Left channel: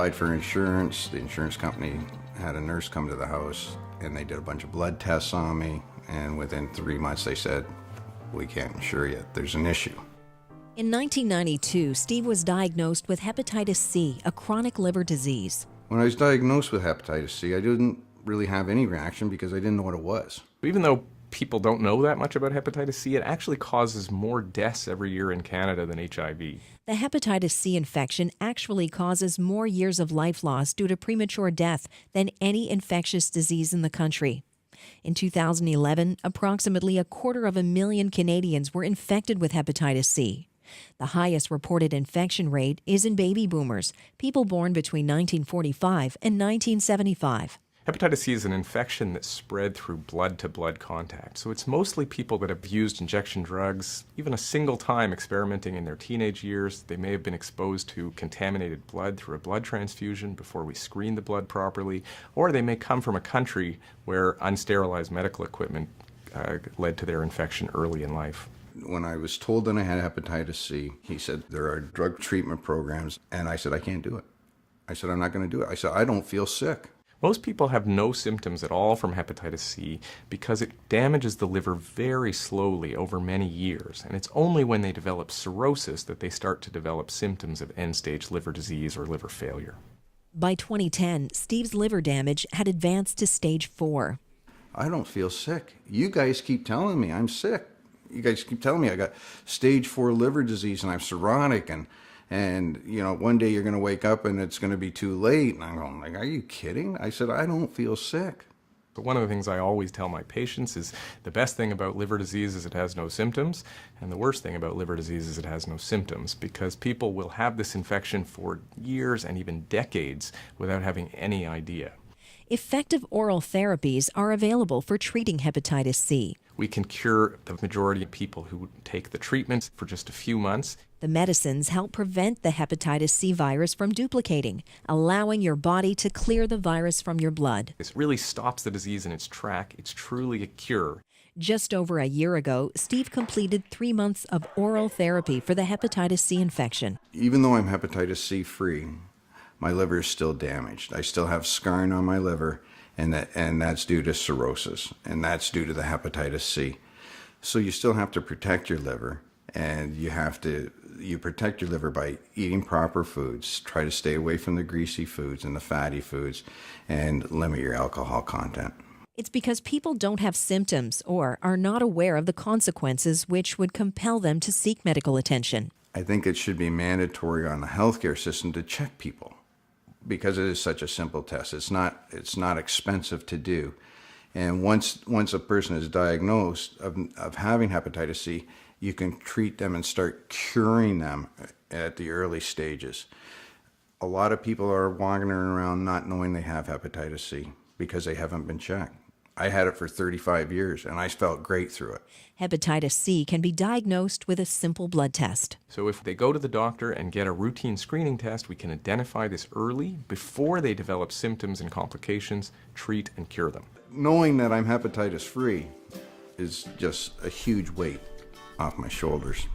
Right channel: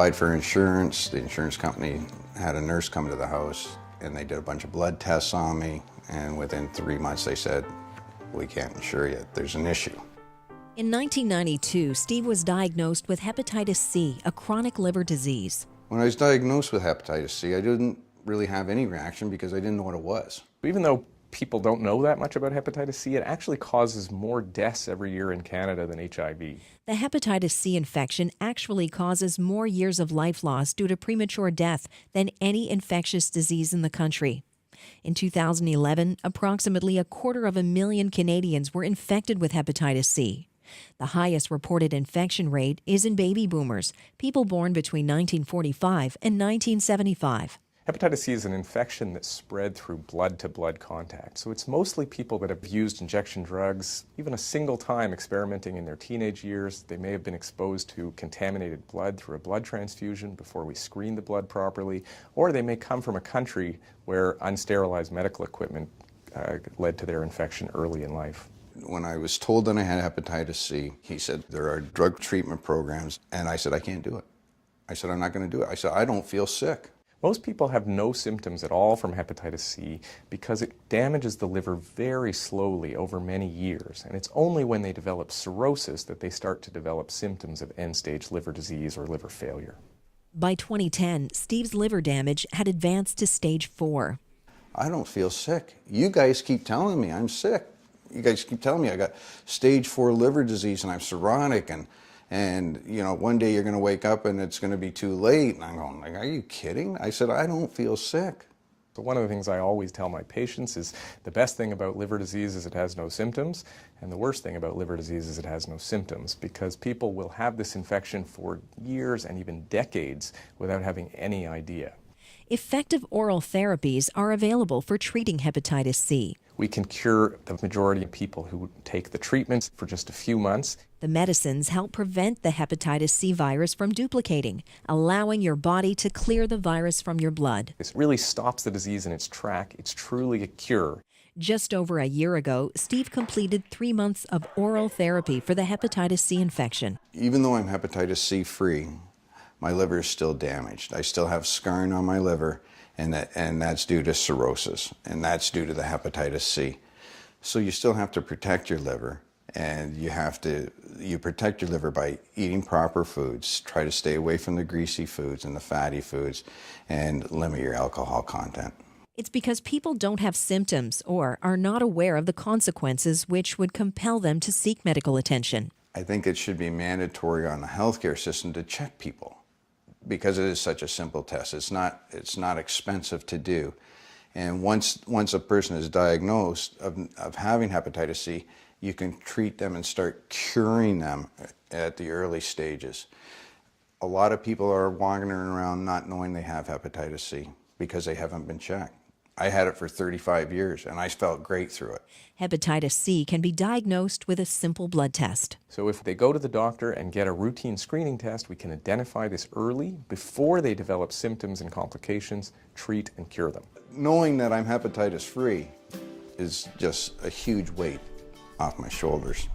applied for insurance. The insurance company had a nurse come to the house, and they did a bunch of blood tests on me, and within 3 months they said, "We can't insure you, there's an issue." In 1992, Steve was diagnosed with hepatitis C, a chronic liver disease. When I was diagnosed with hepatitis C, I didn't really have any reaction because I didn't know what it was. Even though people don't know that much about hepatitis C, it actually causes more deaths every year in Canada than HIV. The hepatitis C infection actually causes more years of life loss due to premature death than any infectious disease in the country. In 2011, approximately 250,000 Canadians were infected with hepatitis C. The highest reported infection rate is in baby boomers, people born between 1945 and 1975. Hepatitis C is an infection that's spread through blood-to-blood contact. So it's mostly people that have used injection drugs, even a single time experimenting in their teenage years. They may have been exposed to contaminated blood through a blood transfusion before we screen the blood properly, or they may come from a country where unsterilized medical equipment led to their infection early in life. When I was told that I had hepatitis C, he said, "There are drug treatment programs," and I said, "I can't do it." I said, "I'm not going to do it." I said, "I don't feel sick." Most people have no symptoms at all from hepatitis C because it damages the liver very slowly over many years, and it's only when they develop cirrhosis that they start to develop symptoms of end-stage liver disease or liver failure. By 2010, Steve's liver damage had advanced to stage 4. I don't feel sick. You guys keep telling me I'm sick. You guys keep telling me I got stage 4 liver disease and I'm cirrhotic, and you know, one day you're going to wake up and it's going to be too late. And I'm going like, "Are you kidding?" I said, "I don't feel sick." But one of the things I always tell my patients is the best thing about liver disease is it has no symptoms, and the worst thing about liver disease is it has no symptoms, because people will have this infection for years and even decades without having any idea. Effective oral therapies are available for treating hepatitis C. We can cure the majority of people who take the treatments for just a few months. The medicines help prevent the hepatitis C virus from duplicating, allowing your body to clear the virus from your blood. It really stops the disease in its track. It's truly a cure. Just over a year ago, Steve completed 3 months of oral therapy for the hepatitis C infection. Even though I'm hepatitis C free, my liver is still damaged. I still have scarring on my liver, and that's due to cirrhosis, and that's due to the hepatitis C. So you still have to protect your liver, and you protect your liver by eating proper foods. Try to stay away from the greasy foods and the fatty foods, and limit your alcohol content. It's because people don't have symptoms or are not aware of the consequences which would compel them to seek medical attention. I think it should be mandatory on the healthcare system to check people, because it is such a simple test. It's not expensive to do. And once a person is diagnosed of having hepatitis C, you can treat them and start curing them at the early stages. A lot of people are wandering around not knowing they have hepatitis C because they haven't been checked. I had it for 35 years, and I felt great through it. Hepatitis C can be diagnosed with a simple blood test. So if they go to the doctor and get a routine screening test, we can identify this early before they develop symptoms and complications, treat and cure them. Knowing that I'm hepatitis free is just a huge weight off my shoulders.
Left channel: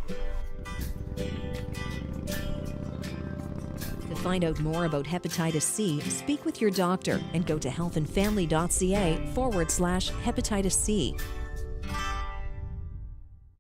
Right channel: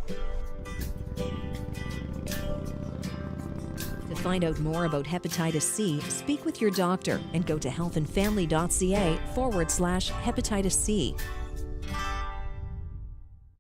To find out more about hepatitis C, speak with your doctor and go to healthandfamily.ca/hepatitis C.